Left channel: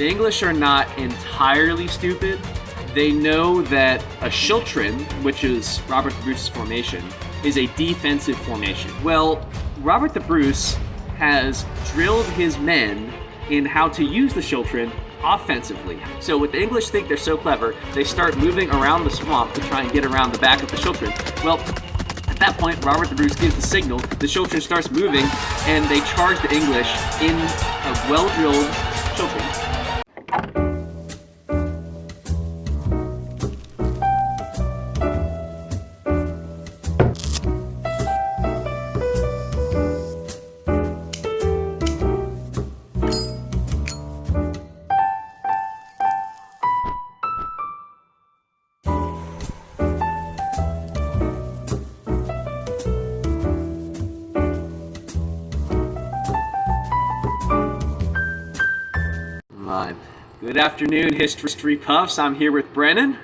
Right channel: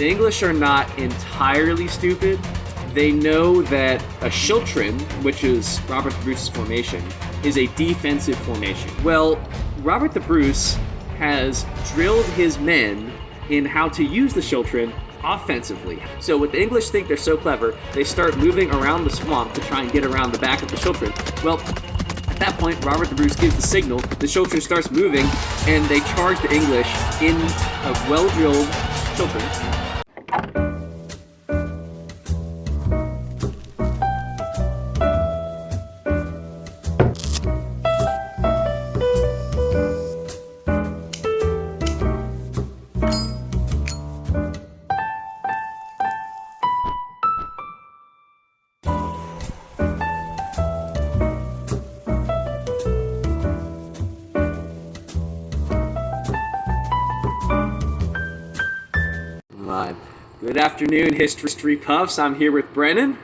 The English are not entirely stupid. They know that a Schiltron, which is Robert the Bruce's formation, is a defensive formation. Well, Robert the Bruce has drilled his men in how to use the Schiltron offensively. So what the English think they're so clever, they start moving around the swamp to try and get around the back of the Schiltron. Well, at that point, Robert the Bruce gives the signal, the Schiltron starts moving, and they charge the English in a well-drilled Schiltron. Good afternoon, History Puffs. I'm here with Brennan.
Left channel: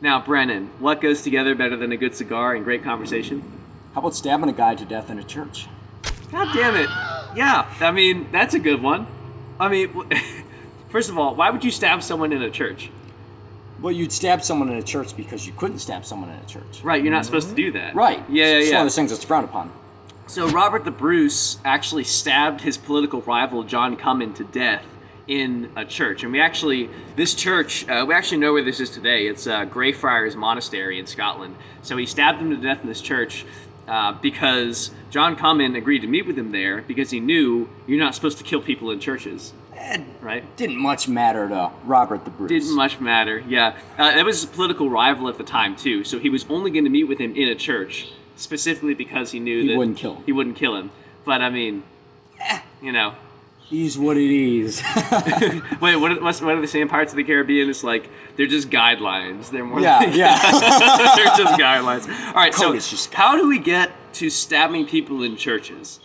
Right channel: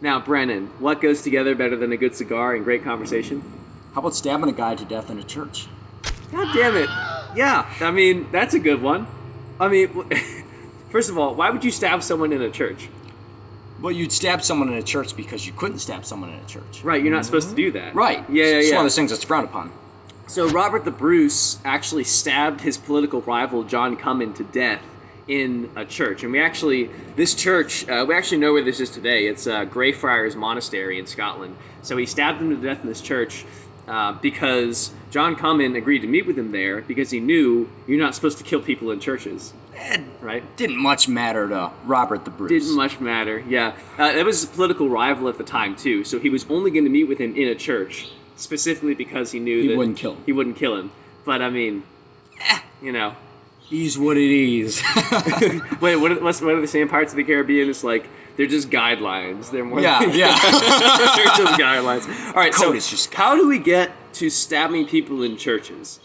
Now, Brennan, what goes together better than a good cigar and great conversation? How about stabbing a guy to death in a church? God damn it. Yeah, I mean, that's a good one. I mean, first of all, why would you stab someone in a church? Well, you'd stab someone in a church because you couldn't stab someone in a church. Right, you're not supposed to do that. Right. It's one of those things that's frowned upon. So Robert the Bruce actually stabbed his political rival, John Cummin, to death in a church. And we actually know where this is today. It's Greyfriars Monastery in Scotland. So he stabbed him to death in this church because John Cummin agreed to meet with him there because he knew you're not supposed to kill people in churches. Right? Didn't much matter to Robert the Bruce. Didn't much matter, yeah. That was his political rival at the time, too. So he was only going to meet with him in a church, specifically because he knew that wouldn't kill him. He wouldn't kill him. But, I mean, you know. Is what it is. Wait, what are they saying? Pirates of the Caribbean? It's like they're just guidelines. They're more yeah. they're just guidelines. All right, so how do we get to stabbing people in churches?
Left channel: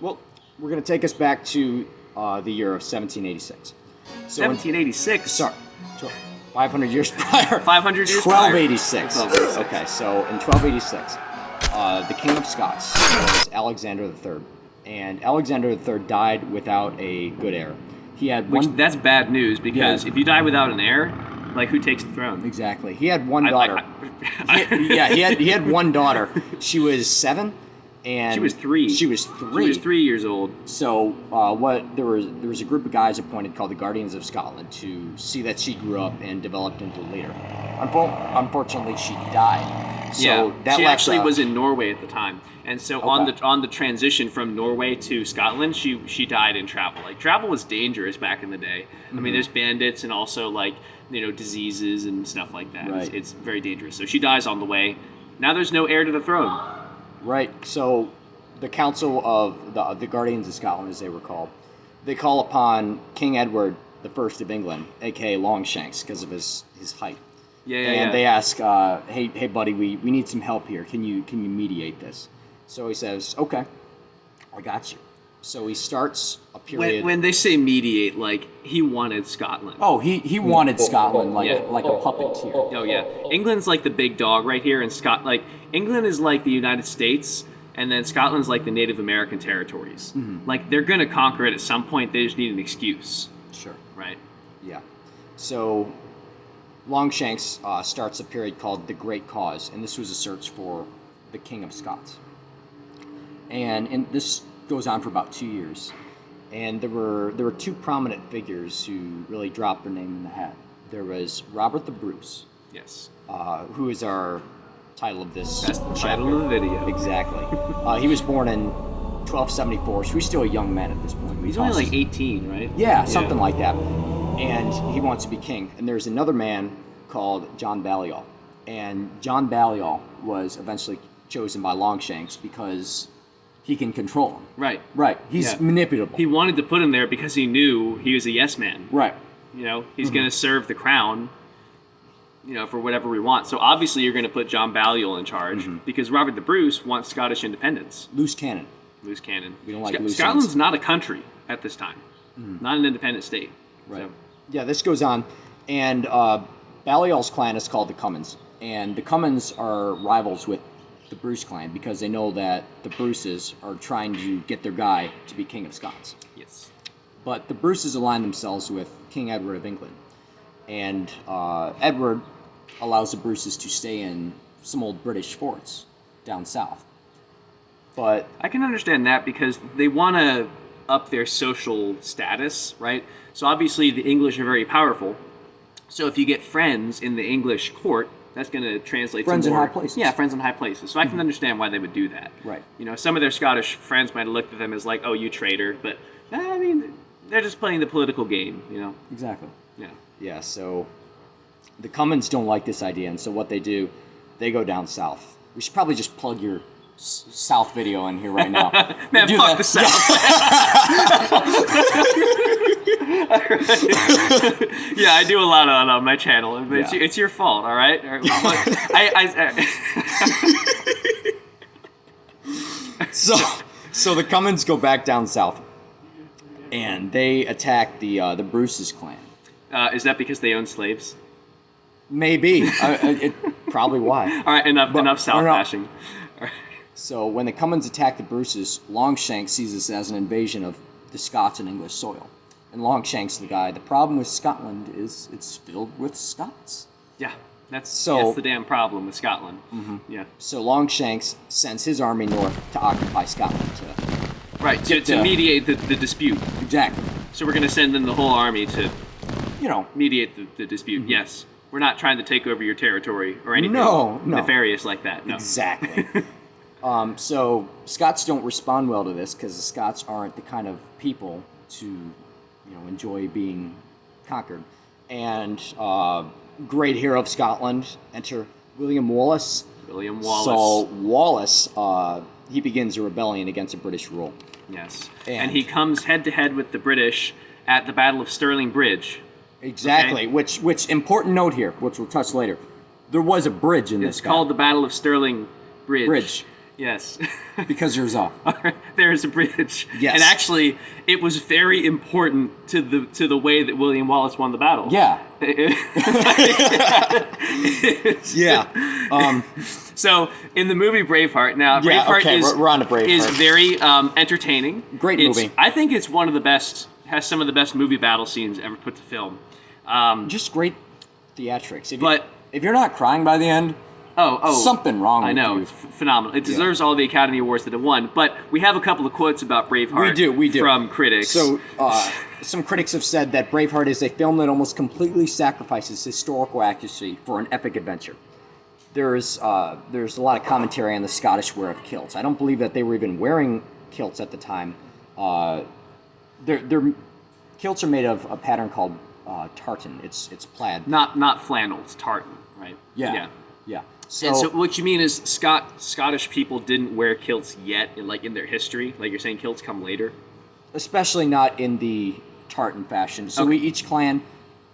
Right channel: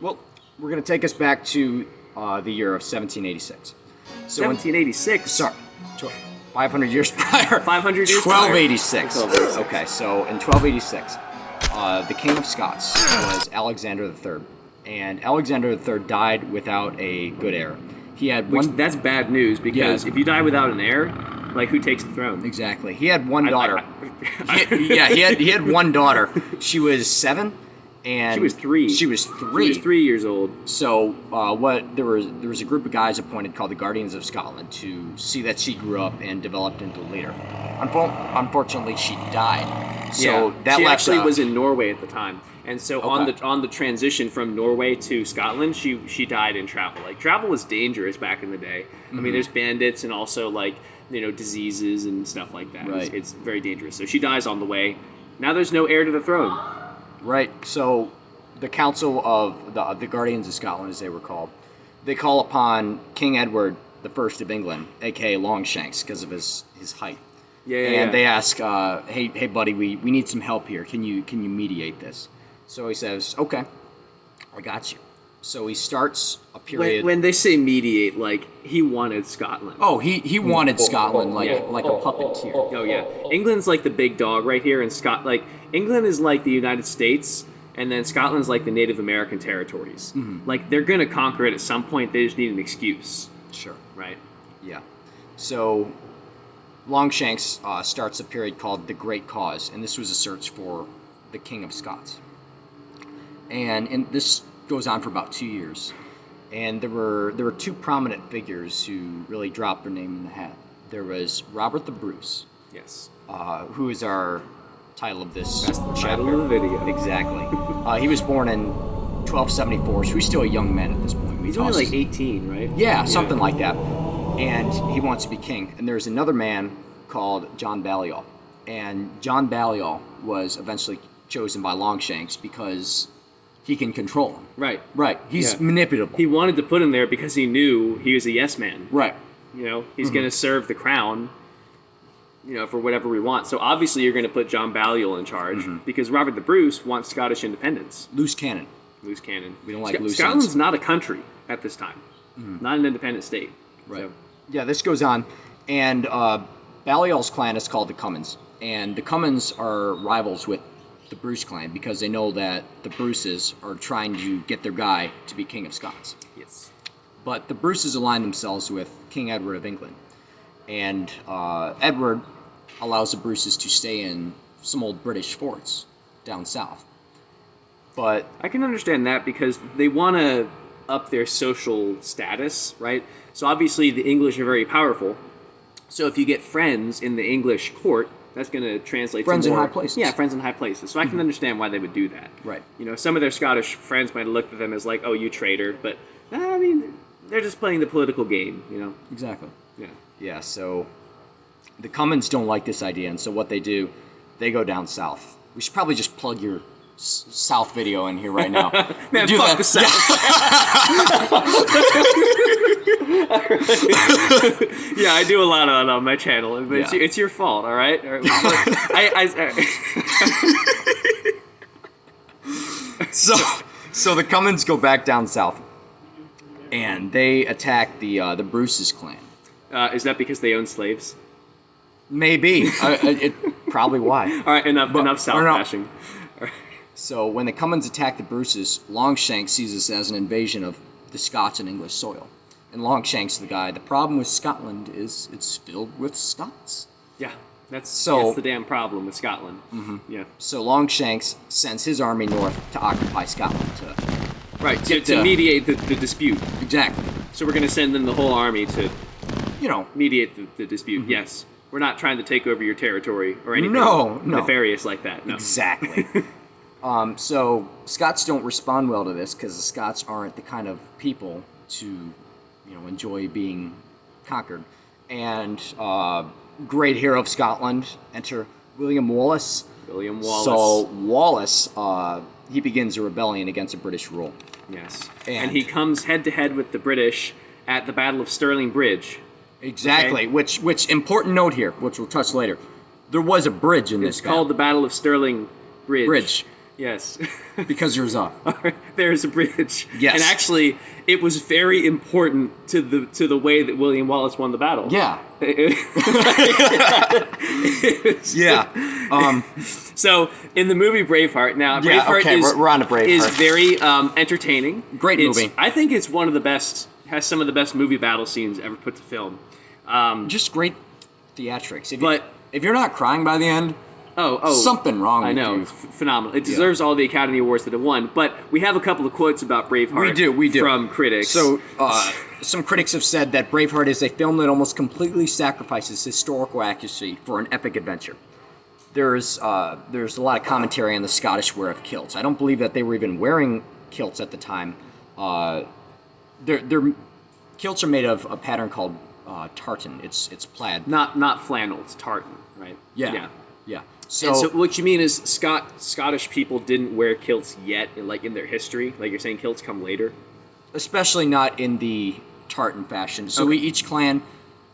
Well, we're going to take us back to the year of 1786. So 1786? Sorry, 500 years prior. 500 years 1286. 1286. Okay, so in 1286, the King of Scots was Alexander III. And Alexander III died without a good heir. He had that's bad news because if you die without an heir, like who takes the throne? Exactly. He had one daughter. He had one daughter. She was 7, and she was 3. She was 3 years old. So there was a group of guys appointed called the Guardians of Scotland to see that she grew up and developed into a leader. Unfortunately, she died. So she actually was in Norway at the time. And so on the transition from Norway to Scotland, she died in travel. Like, travel was dangerous back in the day. Mm-hmm. I mean, there's bandits and also, like, diseases and stuff like that. Right. It's very dangerous. So she dies on the way. Now there's no heir to the throne. Right. So the Council of the Guardians of Scotland, as they were called, they call upon King Edward I of England, a.k.a. Longshanks, because of his height. And they ask, hey, buddy, we need some help here. Can you mediate this? So he says, okay, I got you. So he starts a period. When they say mediate, like, he wanted Scotland. Oh, he wanted Scotland like a puppeteer. Oh, yeah. England's like the big dog right here, and England is like the United States, and then Scotland's like the Native American territories. Mm-hmm. Like, they're going to conquer it at some point. They just need an excuse. Sure. Right? Yeah. So Longshanks starts a period called the Great Cause, and this was a search for the King of Scots. And this goes on for about 2 years. And there were 2 prominent figures who really dropped their name in the hat. There was Robert the Bruce. Yes. Who is our title of this. That's the title of the video. Exactly. He was born in 1274, so he's still a young man at this point. He's only like 18, right? Yeah, something like that. And he wants to be king. And there's another man called John Balliol. And John Balliol was eventually chosen by Longshanks because he can control him. Right. He's manipulable. He wanted to put him there because he knew he was a yes man. Right. He's going to serve the crown, for whatever we want. So obviously you're going to put John Balliol in charge because Robert the Bruce wants Scottish independence. Loose cannon. We don't like loose Scotland's ends. not a country at this time. Not an independent state. Right. So. Yeah, this goes on. And Balliol's clan is called the Cummins. And the Cummins are rivals with the Bruce clan because they know that the Bruces are trying to get their guy to be King of Scots. Yes. But the Bruces align themselves with King Edward of England. And Edward allows the Bruces to stay in some old British forts down south. But I can understand that because they want to up their social status, right? So obviously the English are very powerful. So if you get friends in the English court, that's going to translate friends to more, in high places. Yeah, friends in high places. So I can understand why they would do that. Right. You know, some of their Scottish friends might have looked at them as like, "Oh, you traitor," but I mean, they're just playing the political game. You know. Exactly. Yeah. Yeah. So the Cummins don't like this idea, and so what they do, they go down south. We should probably just plug your South video in here right now. Man, do fuck that. the South. Yeah, I do a lot on my channel. But Yeah. it's your fault, all right? All right. So the Cummins go back down south, and they attack the Bruce's clan. Is that because they own slaves? Maybe. Probably why. All right, enough South no. bashing. All right. So when the Cummins attack the Bruces, Longshanks sees this as an invasion of the Scots and English soil. And Longshanks, the guy, the problem with Scotland is it's filled with Scots. Yeah, that's So- the damn problem with Scotland. Mm-hmm. Yeah, So Longshanks sends his army north to occupy Scotland. right. To mediate the dispute. Exactly. So we're going to send in the whole army to You know, mediate the dispute. Yes, we're not trying to take over your territory or anything No. nefarious like that. No. exactly. So Scots don't respond well to this because the Scots aren't the kind of people to, enjoy being conquered. And great hero of Scotland, enter William Wallace. William Wallace. So Wallace, he begins a rebellion against British rule. Yes, And- and he comes head to head with the British at the Battle of Stirling Bridge. Exactly. Okay. Which important note here, which we'll touch later. There was a bridge in It's this called the Battle of Stirling Bridge. Bridge. Yes. Because there's a There's a bridge. Yes. And actually, it was very important to the way that William Wallace won the battle. yeah. Yeah. So in the movie Braveheart, now Yeah, Braveheart okay, we're on to Braveheart. is very entertaining. Great movie. I think it's one of the best. Has some of the best movie battle scenes ever put to film. Just great theatrics. If you're not crying by the end, something wrong with I know, you. phenomenal. It deserves all the Academy Awards that it won. But we have a couple of quotes about Braveheart. We do. From critics. So, some critics have said that Braveheart is a film that almost completely sacrifices historical accuracy for an epic adventure. There's a lot of commentary on the Scottish wear of kilts. I don't believe that they were even wearing kilts at the time. Their kilts are made of a pattern called tartan. It's plaid. not flannel. It's tartan, right? Yeah. And so what you mean is Scottish people didn't wear kilts yet, in their history? Like you're saying kilts come later? Especially not in the tartan fashion. So each clan,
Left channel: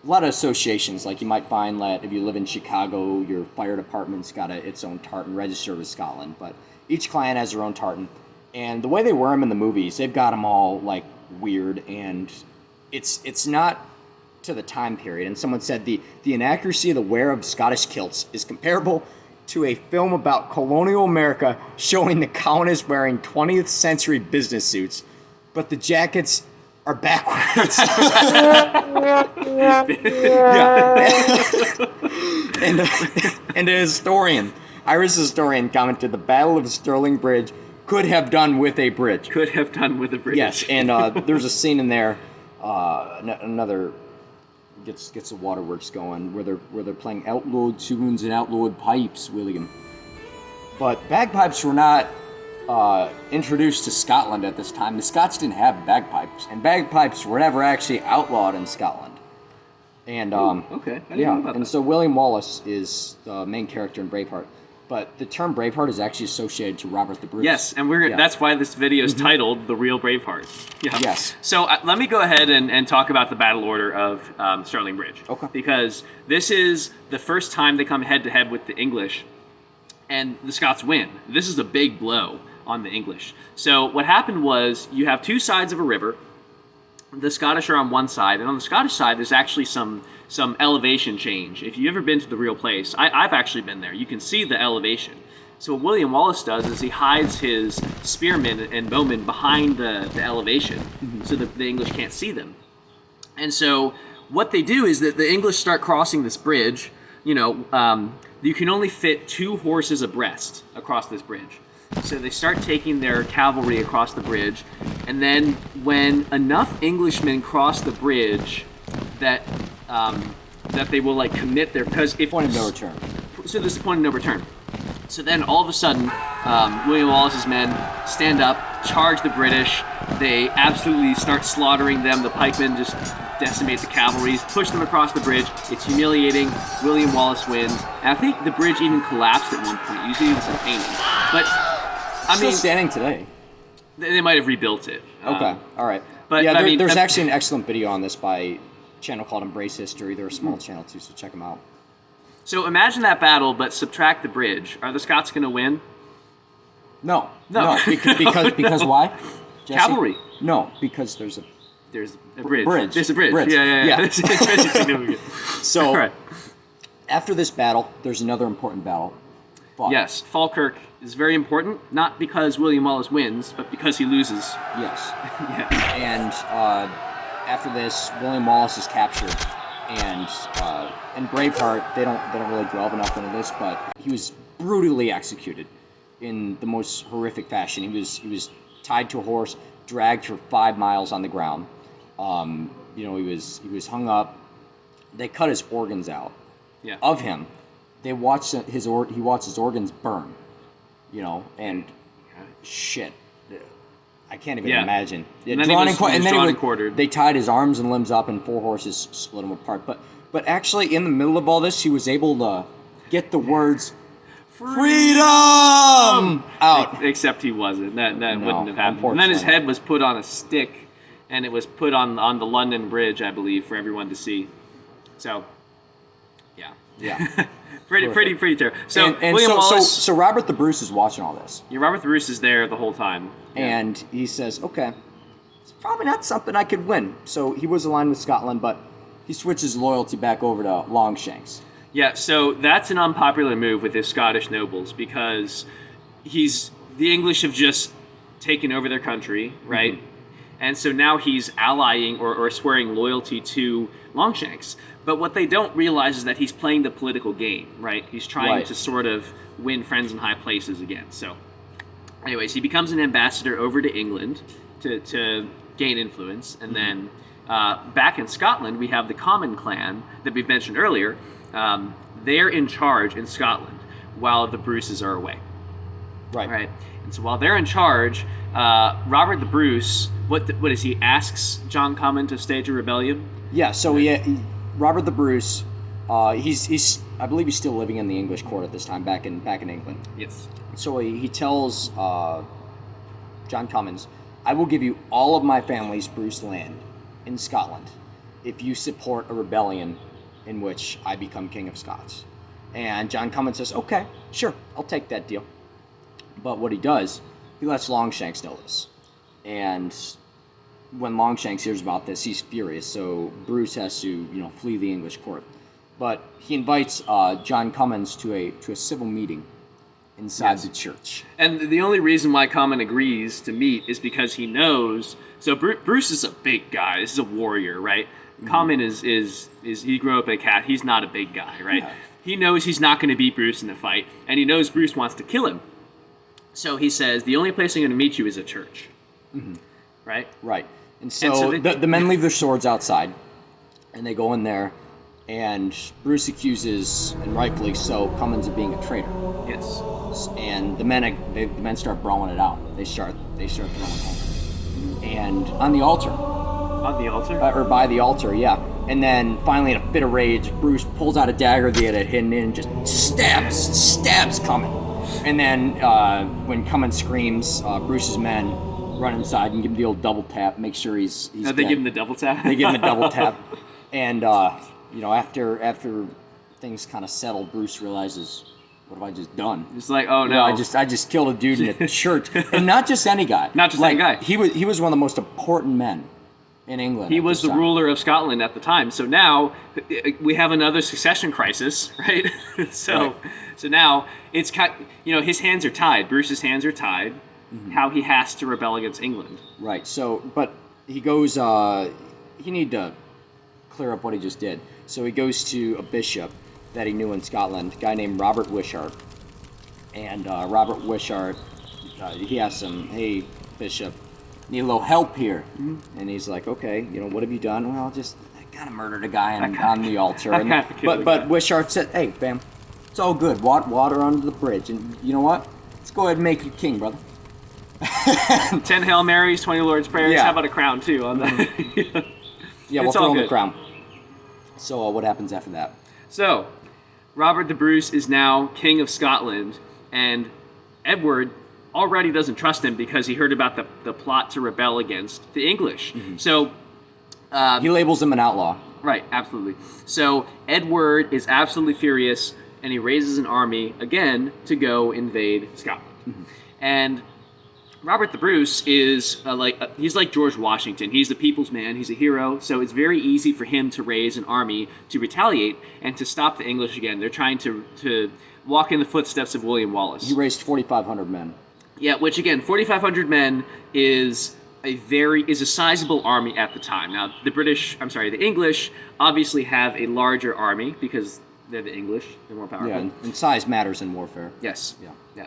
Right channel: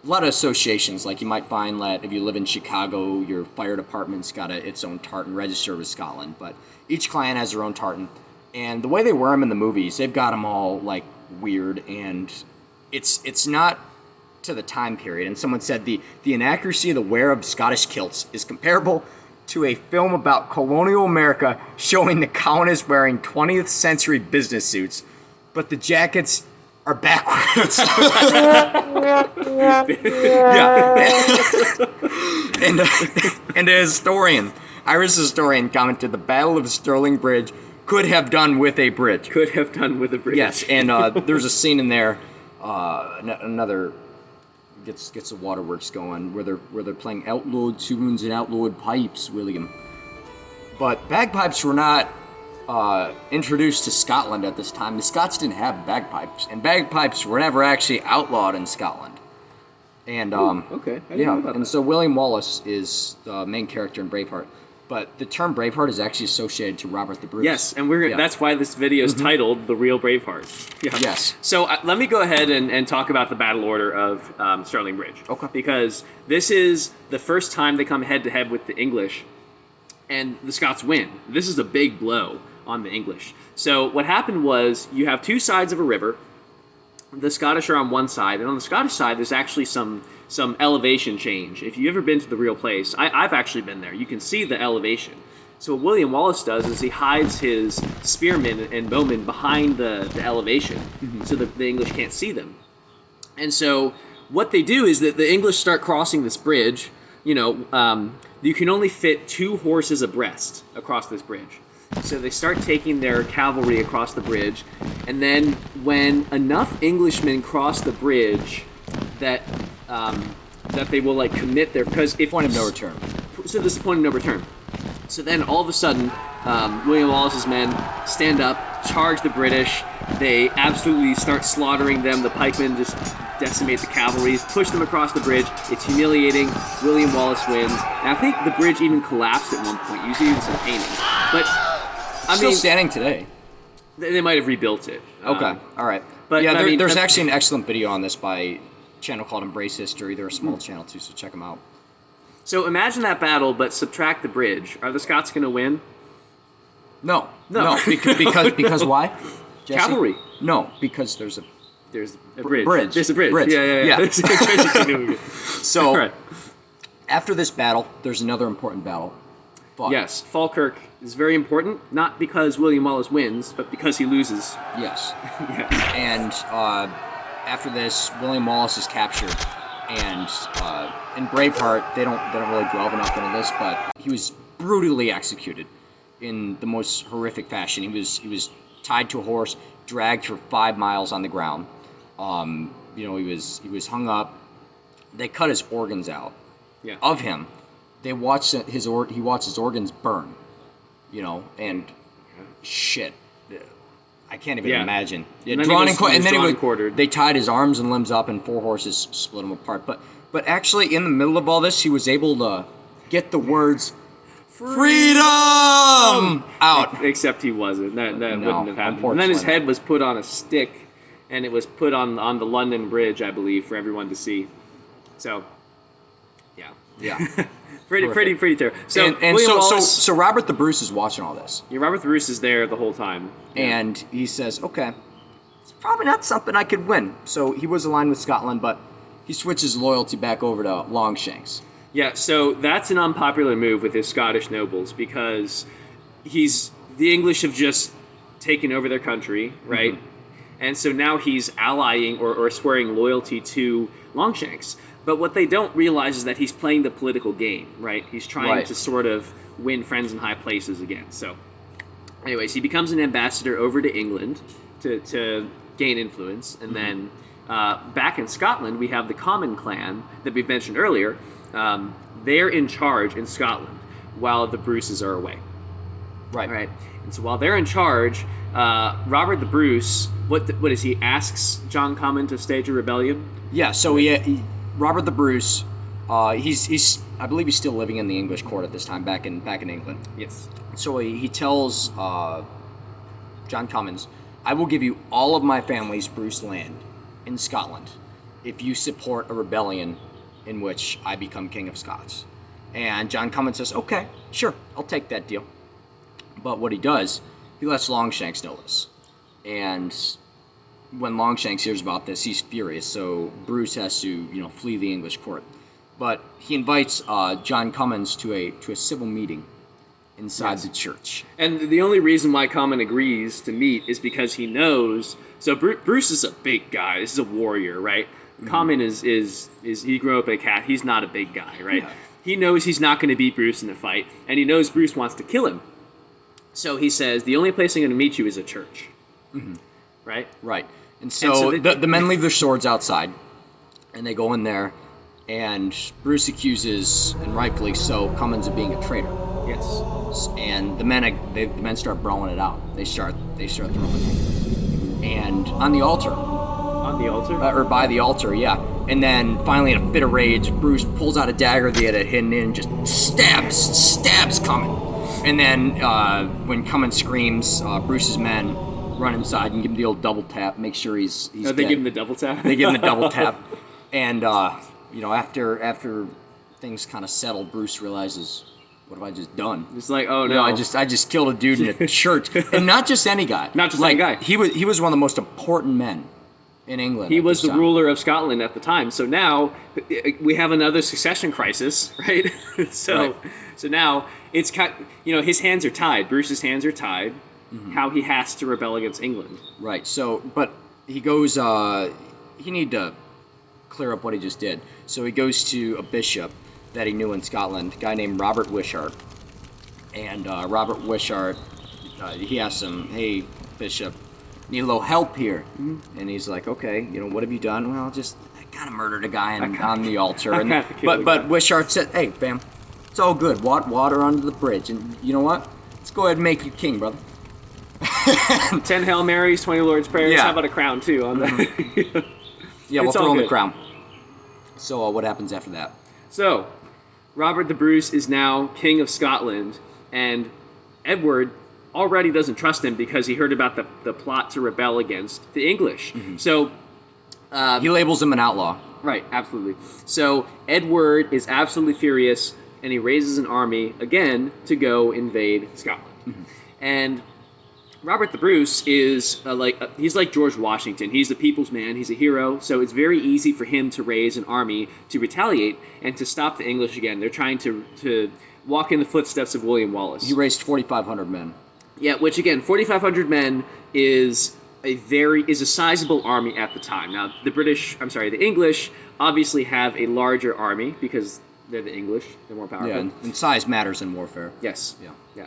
a lot of associations, like you might find that if you live in Chicago, your fire department's got its own tartan registered with Scotland, but each clan has their own tartan. And the way they wear them in the movies, they've got them all weird, and it's not to the time period. And someone said the inaccuracy of the wear of Scottish kilts is comparable to a film about colonial America showing the colonists wearing 20th century business suits, but the jackets are backwards. And the Irish historian commented, the Battle of Stirling Bridge could have done with a bridge. Could have done with a bridge. Yes, and there's a scene in there, another gets the waterworks going, where they're playing outlawed tunes and outlawed pipes, William. But bagpipes were not introduced to Scotland at this time. The Scots didn't have bagpipes, and bagpipes were never actually outlawed in Scotland. And Okay. I didn't know about and that. so William Wallace is the main character in Braveheart. But the term Braveheart is actually associated to Robert the Bruce. Yes, and Yeah. that's why this video is titled "The Real Braveheart." Yeah. Yes. So let me go ahead and talk about the battle order of Stirling Bridge. Okay. Because this is the first time they come head to head with the English, and the Scots win. This is a big blow on the English. So what happened was you have two sides of a river. The Scottish are on one side, and on the Scottish side, there's actually some elevation change. If you've ever been to the real place, I've actually been there. You can see the elevation. So what William Wallace does is he hides his spearmen and bowmen behind the elevation so that the English can't see them. And so what they do is that the English start crossing this bridge. You can only fit 2 horses abreast across this bridge. So they start taking their cavalry across the bridge, and then when enough Englishmen cross the bridge, that they will commit their point of no return. So this is the point of no return. So then all of a sudden, William Wallace's men stand up, charge the British. They absolutely start slaughtering them. The pikemen just decimate the cavalry, push them across the bridge. It's humiliating. William Wallace wins. And I think the bridge even collapsed at one point, using even some painting. But Still standing today. They might have rebuilt it. Okay, all right. But yeah, there's actually an excellent video on this by a channel called Embrace History. They're a small channel too, so check them out. So imagine that battle, but subtract the bridge. Are the Scots going to win? No. Because why? Jesse? Cavalry. No, because there's a bridge. There's a bridge. Yeah. So, right. After this battle, there's another important battle fought. Yes, Falkirk is very important, not because William Wallace wins, but because he loses. Yes. Yes. And after this, William Wallace is captured, and in Braveheart, they don't really delve enough into this, but he was brutally executed in the most horrific fashion. He was tied to a horse, dragged for 5 miles on the ground. He was hung up. They cut his organs out of him. They watched he watched his organs burn. And shit. I can't even imagine. Yeah, and then they tied his arms and limbs up, and 4 horses split him apart. But actually, in the middle of all this, he was able to get the words "freedom" out. Except he wasn't. That wouldn't have happened. And then his head was put on a stick, and it was put on the London Bridge, I believe, for everyone to see. So, yeah. pretty terrible. So so Robert the Bruce is watching all this. Yeah, Robert the Bruce is there the whole time. Yeah. And he says, okay, it's probably not something I could win. So he was aligned with Scotland, but he switches loyalty back over to Longshanks. Yeah, so that's an unpopular move with his Scottish nobles because the English have just taken over their country, right? Mm-hmm. And so now he's allying or swearing loyalty to Longshanks. But what they don't realize is that he's playing the political game, right? He's trying to sort of win friends in high places again. So, anyways, he becomes an ambassador over to England to gain influence. And then back in Scotland, we have the Comyn clan that we mentioned earlier. They're in charge in Scotland while the Bruces are away. Right. All right. And so while they're in charge, Robert the Bruce, what is he asks John Comyn to stage a rebellion? Yeah. So Robert the Bruce, he's I believe he's still living in the English court at this time back in England. Yes. So he tells John Comyn, I will give you all of my family's Bruce land in Scotland if you support a rebellion in which I become King of Scots. And John Comyn says, okay, sure, I'll take that deal. But what he does, he lets Longshanks know this. And when Longshanks hears about this, he's furious. So Bruce has to, flee the English court. But he invites John Comyn to a civil meeting inside the church. And the only reason why Comyn agrees to meet is because he knows. So Bruce is a big guy. This is a warrior, right? Mm-hmm. Comyn is he grew up a cat. He's not a big guy, right? Yeah. He knows he's not going to beat Bruce in a fight, and he knows Bruce wants to kill him. So he says, the only place I'm going to meet you is a church. Mm-hmm. Right? Right. And so the men leave their swords outside, and they go in there, and Bruce accuses, and rightfully so, Comyn of being a traitor. Yes. And the men start brawling it out. They start throwing it. And on the altar. On the altar? Or by the altar, yeah. And then finally, in a fit of rage, Bruce pulls out a dagger that he had hidden in and just stabs Comyn. And then when Comyn screams, Bruce's men run inside and give him the old double tap, make sure he's dead. They give him the double tap? They give him the double tap. And, after things kind of settle, Bruce realizes, what have I just done? It's like, oh no. I just killed a dude in a church. And not just any guy. Not just any guy. He was one of the most important men in England. He was the ruler of Scotland at the time. So now we have another succession crisis, right? So now it's his hands are tied. Bruce's hands are tied. Mm-hmm. How he has to rebel against England. Right. So, but he goes. He need to clear up what he just did. So he goes to a bishop that he knew in Scotland, a guy named Robert Wishart. And Robert Wishart, he asks him, "Hey, bishop, need a little help here?" And he's like, "Okay, what have you done?" "Well, I kind of murdered a guy on the altar." But Wishart said, "Hey, fam, it's all good. Water under the bridge. And you know what? Let's go ahead and make you king, brother." 10 Hail Marys, 20 Lord's Prayers. Yeah. How about a crown, too? On the Yeah, we'll It's throw all him the good. crown. So what happens after that? So, Robert the Bruce is now King of Scotland, and Edward already doesn't trust him because he heard about the plot to rebel against the English. So, He labels him an outlaw. right, absolutely. So, Edward is absolutely furious, and he raises an army again to go invade Scotland. And Robert the Bruce is he's like George Washington. He's the people's man. He's a hero. So it's very easy for him to raise an army to retaliate and to stop the English again. They're trying to walk in the footsteps of William Wallace. He raised 4,500 men. Yeah, which again, 4,500 men is a sizable army at the time. Now, the English obviously have a larger army because they're the English. They're more powerful. Yeah, and size matters in warfare. Yes. Yeah. Yeah.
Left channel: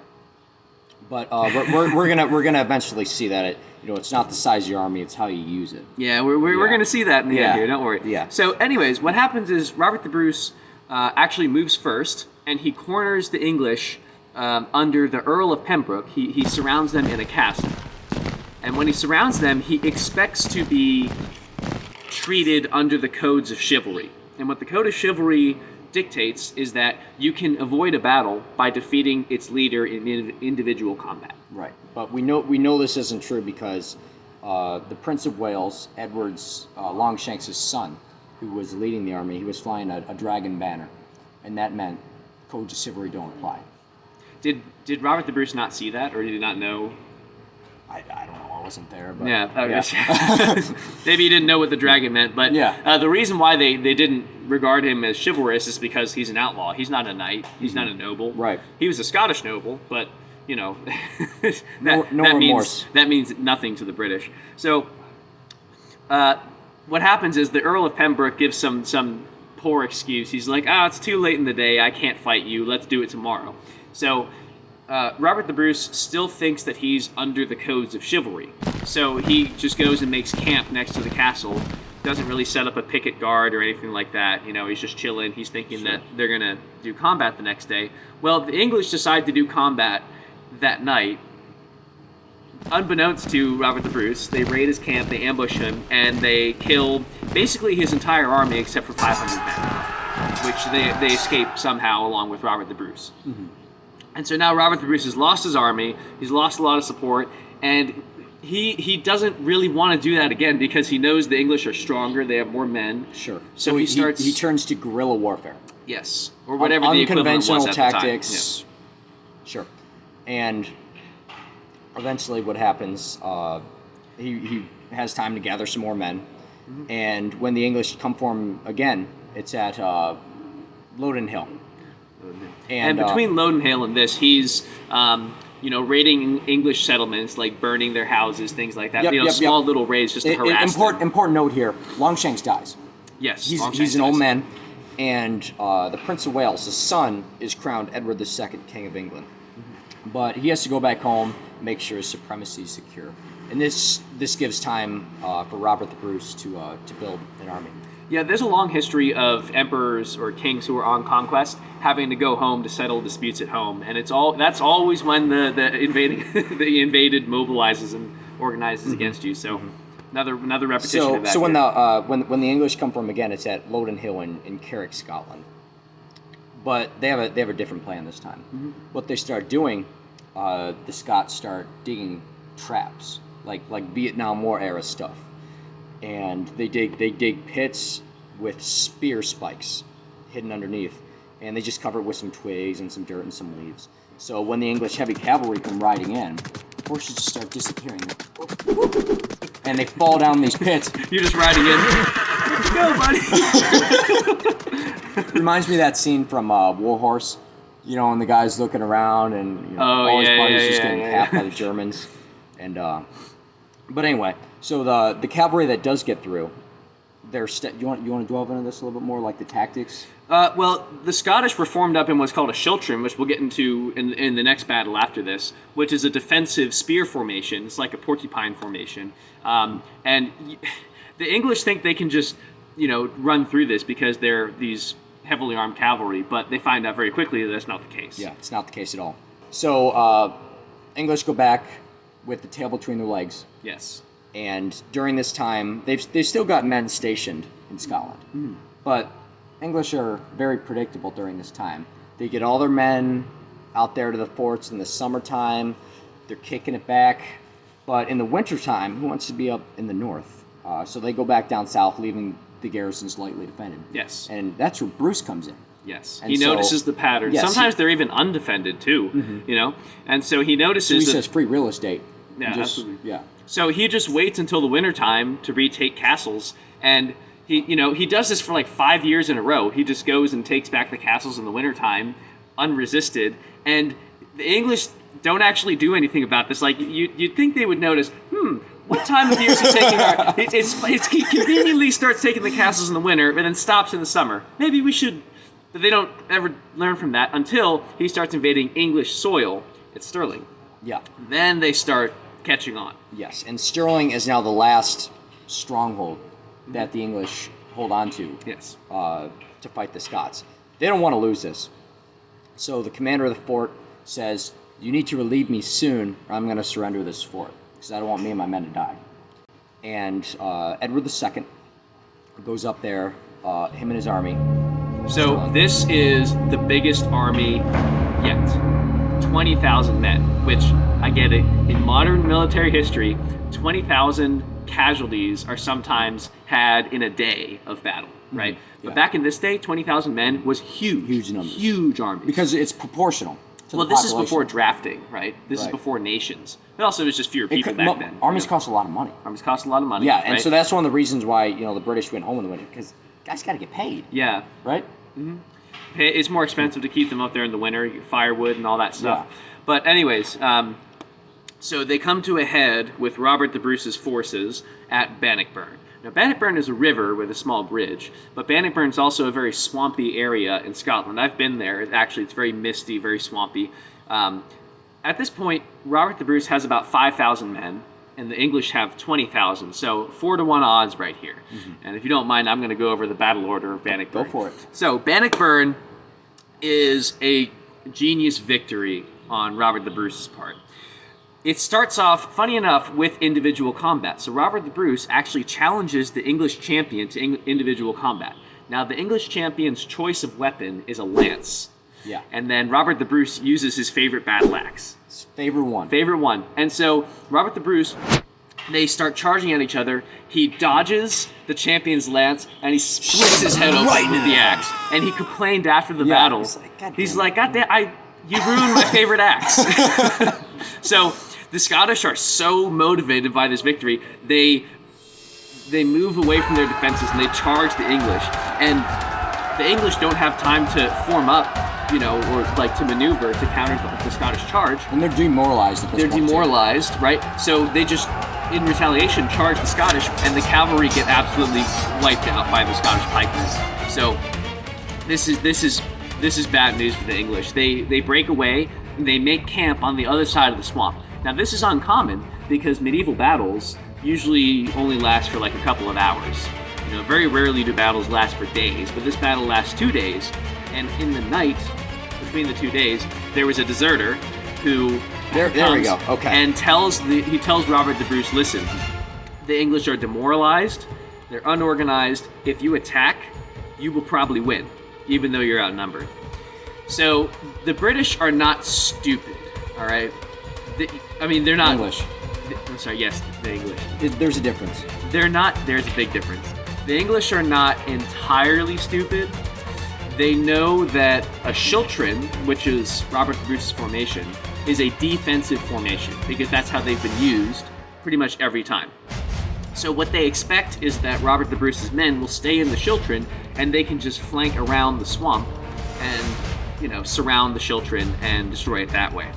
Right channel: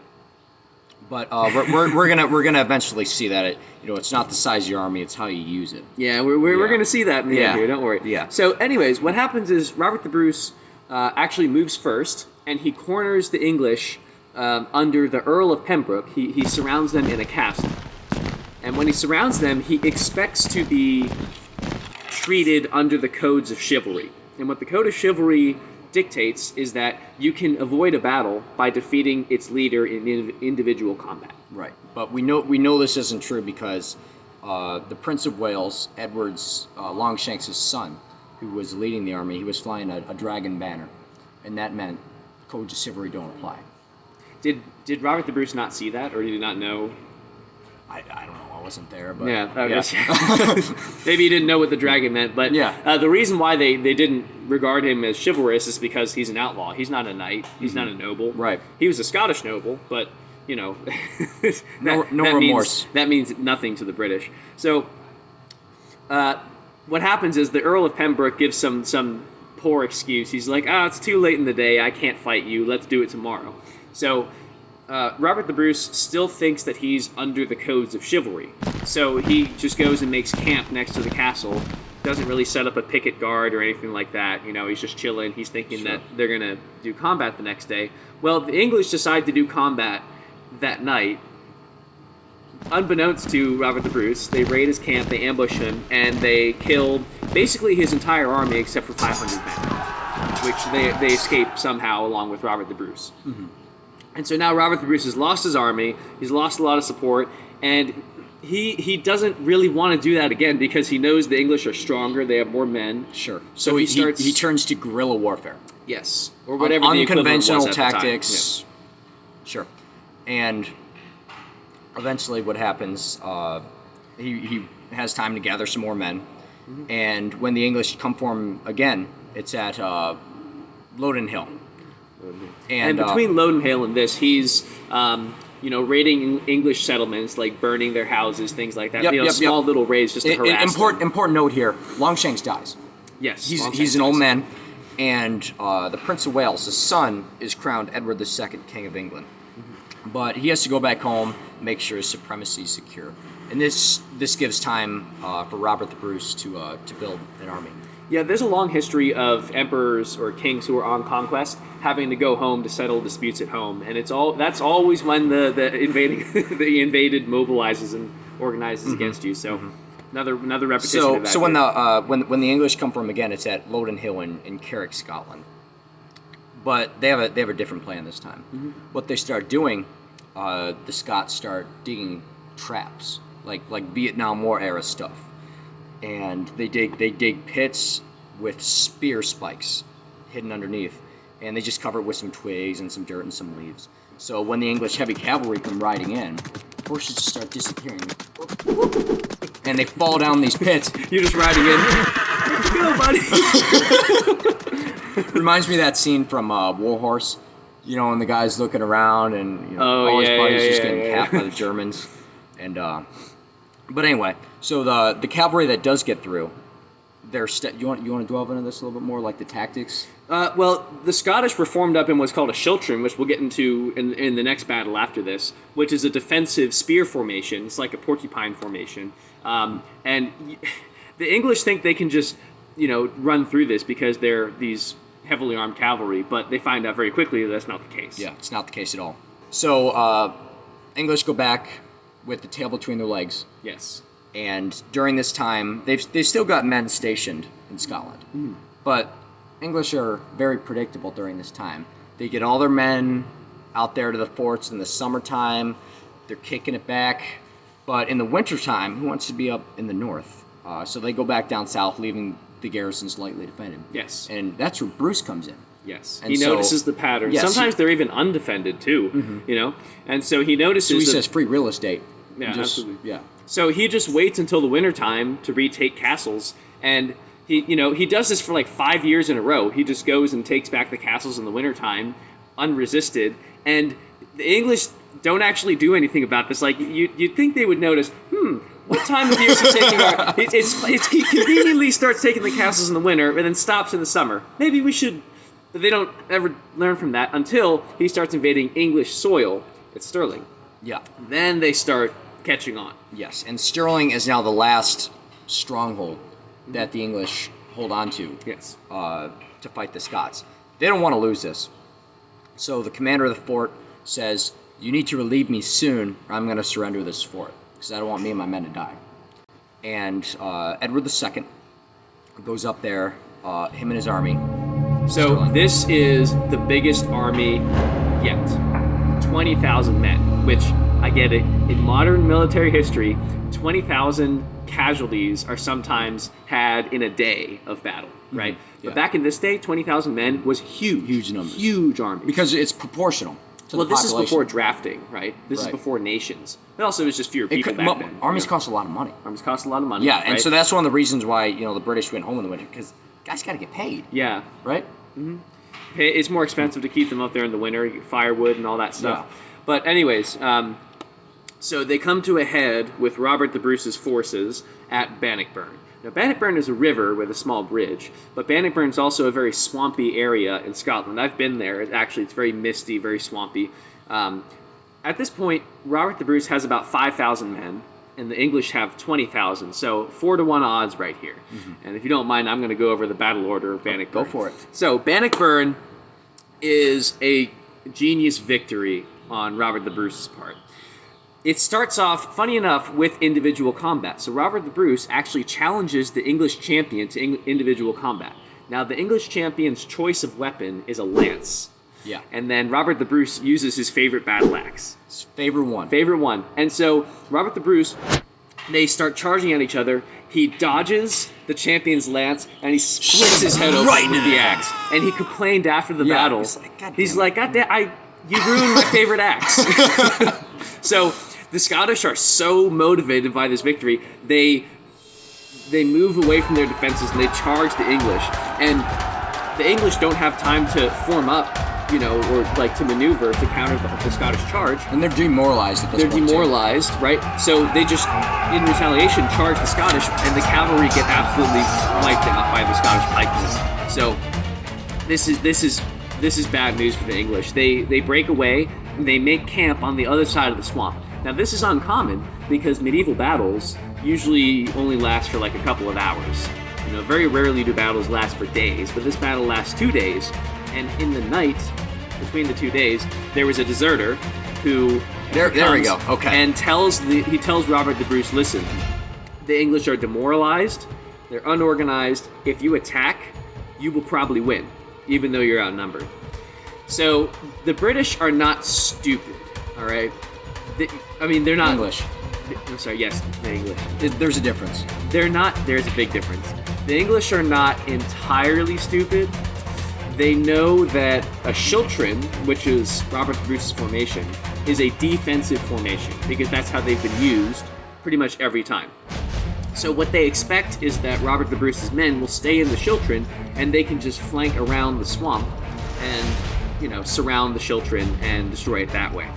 But we're gonna eventually see that it's not the size of your army, it's how you use it. Yeah, we're Yeah. going to see that in the Yeah. end here, don't worry. Yeah. So anyways, what happens is Robert the Bruce actually moves first, and he corners the English under the Earl of Pembroke. He surrounds them in a castle. And when he surrounds them, he expects to be treated under the codes of chivalry. And what the code of chivalry dictates is that you can avoid a battle by defeating its leader in individual combat. Right. But we know this isn't true because the Prince of Wales, Edward's Longshanks' son, who was leading the army, he was flying a dragon banner, and that meant codes of chivalry don't apply. Did Robert the Bruce not see that, or did he not know? I don't know. I wasn't there, but Yeah, I guess. Maybe he didn't know what the dragon meant, but Yeah. the reason why they didn't regard him as chivalrous is because he's an outlaw. He's not a knight. He's not a noble. Right. He was a Scottish noble, but No that remorse. that means nothing to the British. So, what happens is the Earl of Pembroke gives some poor excuse. He's like, it's too late in the day. I can't fight you. Let's do it tomorrow. So, Robert the Bruce still thinks that he's under the codes of chivalry. So he just goes and makes camp next to the castle. Doesn't really set up a picket guard or anything like that. He's just chilling. He's thinking that they're going to do combat the next day. Well, the English decide to do combat that night. Unbeknownst to Robert the Bruce, they raid his camp, they ambush him, and they kill basically his entire army except for 500 men, which they escape somehow along with Robert the Bruce. And so now Robert the Bruce has lost his army, he's lost a lot of support, and he doesn't really want to do that again because he knows the English are stronger, they have more men. Sure. So he starts... he turns to guerrilla warfare. Yes, or whatever the equivalent was Unconventional at the time. tactics. Sure. And eventually what happens, he has time to gather some more men, and when the English come for him again, it's at Loudon Hill. And between Loudon and this, he's raiding English settlements, like burning their houses, things like that. Small little raids just to harass them. Important note here: Longshanks dies. Yes, He's an old man, and the Prince of Wales, his son, is crowned Edward II, King of England. But he has to go back home, make sure his supremacy is secure, and this gives time for Robert the Bruce to build an army. Yeah, there's a long history of emperors or kings who are on conquest having to go home to settle disputes at home, and that's always when the invaded mobilizes and organizes against you. So another repetition of that. So when the English come for him again, it's at Loudon Hill in Carrick, Scotland. But they have a different plan this time. What they start doing, the Scots start digging traps, like Vietnam War era stuff. And they dig pits with spear spikes hidden underneath, and they just cover it with some twigs and some dirt and some leaves. So when the English heavy cavalry come riding in, horses just start disappearing, and they fall down these pits. You're just riding in. Go, buddy. Reminds me of that scene from War Horse, and the guy's looking around and all his buddies just getting capped by the Germans, and. But anyway, so the cavalry that does get through, You want to delve into this a little bit more, like the tactics? Well, the Scottish were formed up in what's called a schiltron, which we'll get into in the next battle after this, which is a defensive spear formation. It's like a porcupine formation. And the English think they can just, run through this because they're these heavily armed cavalry, but they find out very quickly that that's not the case. Yeah, it's not the case at all. So, English go back with the tail between their legs. Yes. And during this time, they've still got men stationed in Scotland. But English are very predictable during this time. They get all their men out there to the forts in the summertime. They're kicking it back. But in the wintertime, who wants to be up in the north? So they go back down south, leaving the garrisons lightly defended. Yes. And that's where Bruce comes in. Yes. And he notices the pattern. Yes, Sometimes they're even undefended, too, And so he notices So he that... says free real estate. Yeah, absolutely. Yeah. So he just waits until the wintertime to retake castles, and he does this for like 5 years in a row. He just goes and takes back the castles in the wintertime, unresisted, and the English don't actually do anything about this. Like, you'd think they would notice, what time of year is he taking our... He conveniently starts taking the castles in the winter, and then stops in the summer. Maybe we should... But they don't ever learn from that until he starts invading English soil at Stirling. Yeah. Then they start catching on. Yes, and Stirling is now the last stronghold that the English hold on to. Yes. To fight the Scots. They don't want to lose this. So the commander of the fort says, "You need to relieve me soon, or I'm going to surrender this fort, because I don't want me and my men to die." And Edward II goes up there, him and his army. So this is the biggest army yet. 20,000 men, which, I get it, in modern military history, 20,000 casualties are sometimes had in a day of battle, right? Yeah. But back in this day, 20,000 men was huge. Huge numbers. Huge army. Because it's proportional to Well, the this is population. before drafting, right? This is Right. before nations. But also, it was just fewer people back then. Armies cost a lot of money. Armies cost a lot of money. Yeah, and right? so that's one of the reasons why the British went home in the winter, because guys got to get paid, Yeah. right? It's more expensive to keep them up there in the winter, firewood and all that stuff. Yeah. But anyways, so they come to a head with Robert the Bruce's forces at Bannockburn. Now, Bannockburn is a river with a small bridge, but Bannockburn is also a very swampy area in Scotland. I've been there. It's very misty, very swampy. At this point, Robert the Bruce has about 5,000 men, and the English have 20,000. So 4-to-1 odds right here. And if you don't mind, I'm going to go over the battle order of Bannockburn. Go for it. So Bannockburn is a genius victory on Robert the Bruce's part. It starts off, funny enough, with individual combat. So Robert the Bruce actually challenges the English champion to individual combat. Now, the English champion's choice of weapon is a lance. Yeah. And then Robert the Bruce uses his favorite battle axe. Favorite one. Favorite one. And so Robert the Bruce, they start charging at each other. He dodges the champion's lance, and he splits his head open right with the now. axe. And he complained after the Yeah, battle. he's like, "God damn." God damn, you ruined my favorite axe. So the Scottish are so motivated by this victory, they move away from their defenses and they charge the English. And the English don't have time to form up, or like to maneuver to counter the Scottish charge. And they're demoralized at this They're point, too. demoralized, right? So they just, in retaliation, charge the Scottish, and the cavalry get absolutely wiped out by the Scottish pikemen. So this is bad news for the English. They break away and they make camp on the other side of the swamp. Now this is uncommon because medieval battles usually only last for like a couple of hours. Very rarely do battles last for days, but this battle lasts 2 days, and in the night between the 2 days, there was a deserter who There we comes go. Okay. and tells Robert the Bruce, listen, the English are demoralized, they're unorganized. If you attack, you will probably win, even though you're outnumbered. So the British are not stupid, all right? They're not English. I'm sorry. Yes, the English. There's a difference. They're not. There's a big difference. The English are not entirely stupid. They know that a schiltron, which is Robert the Bruce's formation, is a defensive formation because that's how they've been used pretty much every time. So what they expect is that Robert the Bruce's men will stay in the schiltron and they can just flank around the swamp and, surround the schiltron and destroy it that way.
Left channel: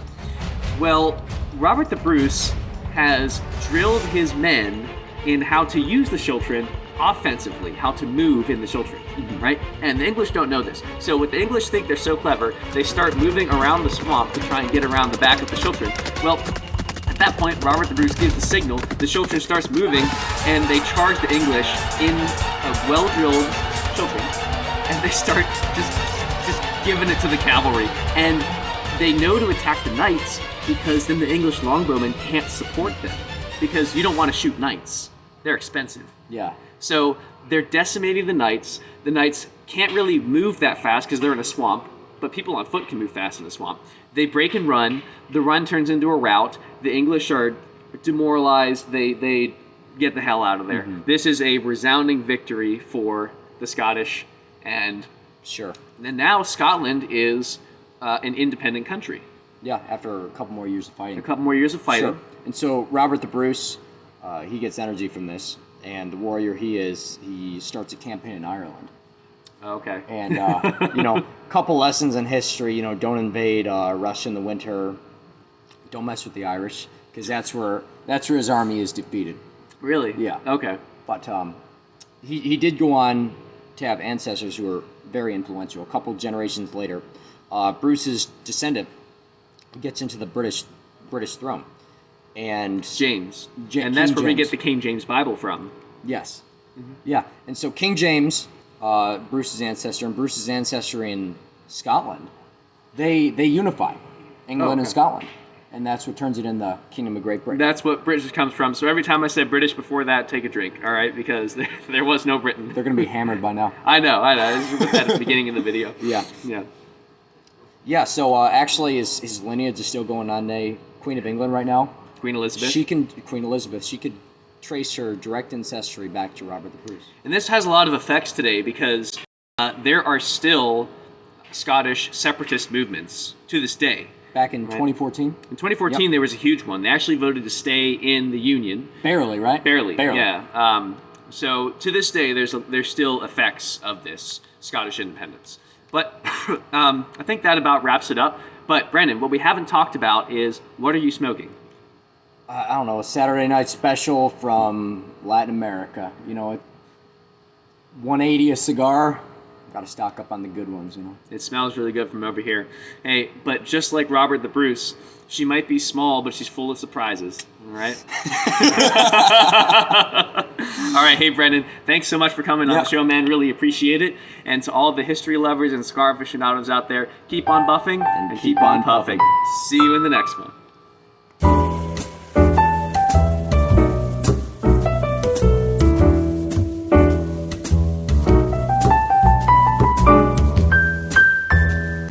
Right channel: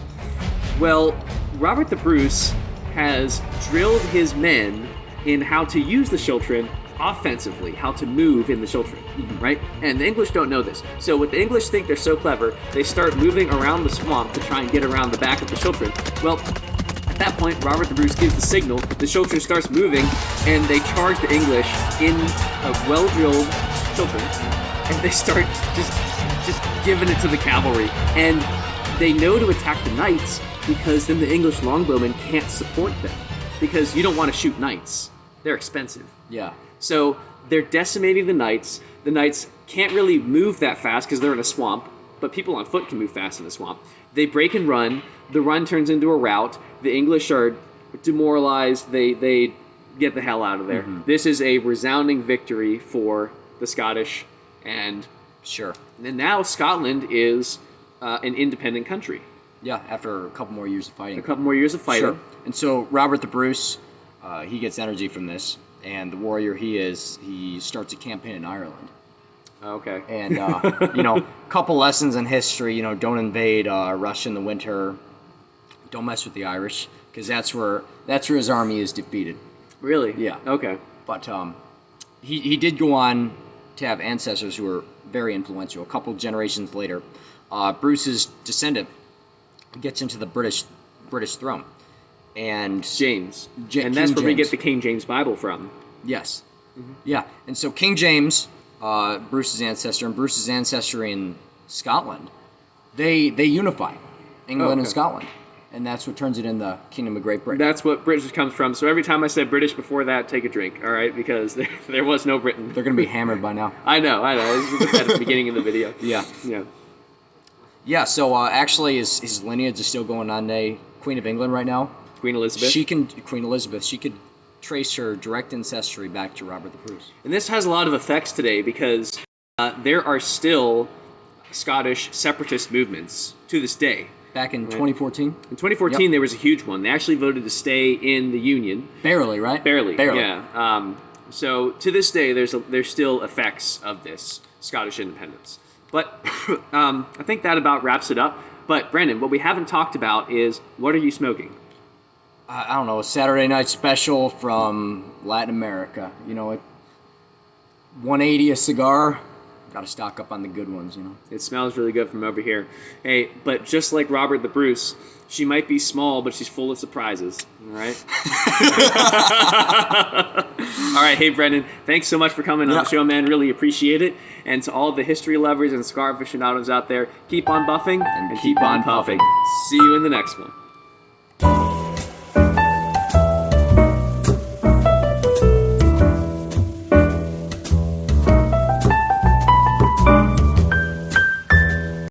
Well, Robert the Bruce has drilled his men in how to use the schiltron offensively how to move in the Schiltrin, right? And the English don't know this. So what the English think they're so clever, they start moving around the swamp to try and get around the back of the Schiltrin. Well, at that point, Robert the Bruce gives the signal, the Schiltrin starts moving, and they charge the English in a well-drilled Schiltrin, and they start just giving it to the cavalry. And they know to attack the knights because then the English longbowmen can't support them, because you don't want to shoot knights. They're expensive. Yeah. So they're decimating the knights. The knights can't really move that fast because they're in a swamp, but people on foot can move fast in a swamp. They break and run. The run turns into a rout. The English are demoralized. They get the hell out of there. This is a resounding victory for the Scottish, and Sure. now Scotland is an independent country. Yeah, after a couple more years of fighting. A couple more years of fighting. Sure. And so Robert the Bruce, he gets energy from this, and the warrior he starts a campaign in Ireland. Okay. And, you know, couple lessons in history, you know, don't invade Russia in the winter, don't mess with the Irish, because that's where his army is defeated. Really? Yeah. Okay. But he did go on to have ancestors who were very influential. A couple generations later, Bruce's descendant gets into the British throne. And James. Ja- and that's King where we James. get the King James Bible from. Yes. Yeah. And so King James, Bruce's ancestor, and Bruce's ancestry in Scotland, they unify England and Scotland. And that's what turns it in the Kingdom of Great Britain. That's what British comes from. So every time I said British before that, take a drink, all right? Because there was no Britain. They're going to be hammered by now. I know. This was at the beginning of the video. Yeah. Yeah. Yeah, so actually his lineage is still going on today. Queen of England right now. Queen Elizabeth. Queen Elizabeth, she could trace her direct ancestry back to Robert the Bruce. And this has a lot of effects today because there are still Scottish separatist movements to this day. Back in 2014? In 2014, there was a huge one. They actually voted to stay in the Union. Barely, right? Barely. Barely. Yeah. So to this day, there's still effects of this Scottish independence. But I think that about wraps it up. But Brendan, what we haven't talked about is, what are you smoking? I don't know, a Saturday night special from Latin America. You know, at $1.80 a cigar. Got to stock up on the good ones, you know. It smells really good from over here. Hey, but just like Robert the Bruce, she might be small, but she's full of surprises. All right? All right, hey, Brendan, thanks so much for coming on the show, man. Really appreciate it. And to all the history lovers and cigar aficionados out there, keep on buffing and keep on puffing. See you in the next one.